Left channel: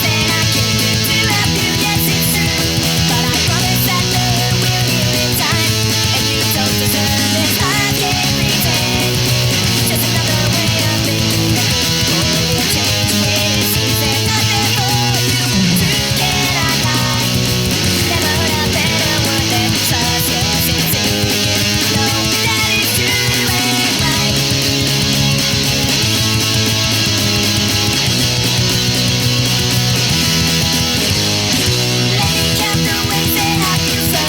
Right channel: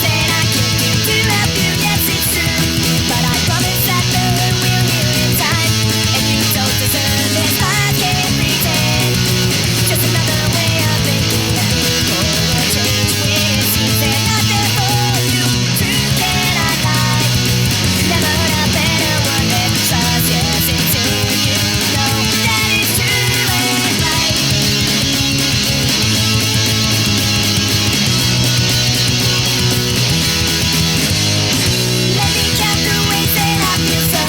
that I can do to help you, yes it's true. But I promise that the hurt will heal in time. And you don't deserve this, I can't pretend. Just another way of thinking that people will change when it seems they're not there for you. True cannot lie. Never heard a better word than trust, yes it's in you. Know that it's true and right. Let me count the ways that I feel so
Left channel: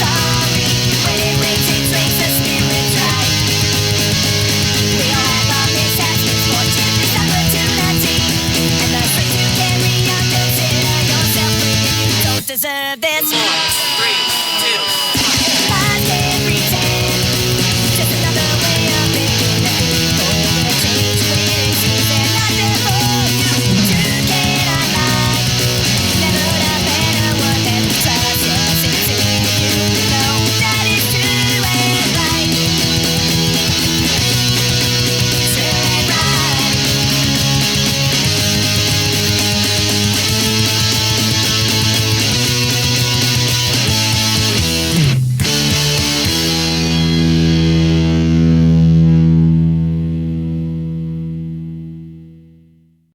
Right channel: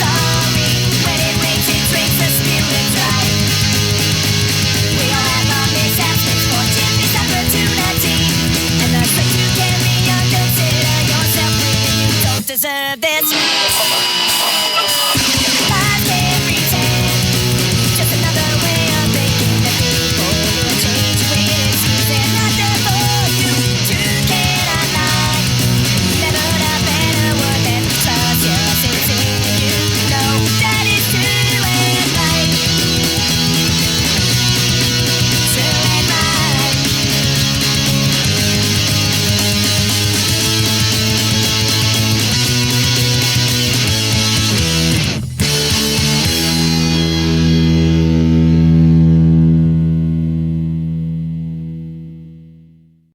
sorry. When it rains, the spirit dry. We all have our mishaps, misfortune, missed opportunity, and the strength to carry on. Consider yourself free, and you don't deserve this.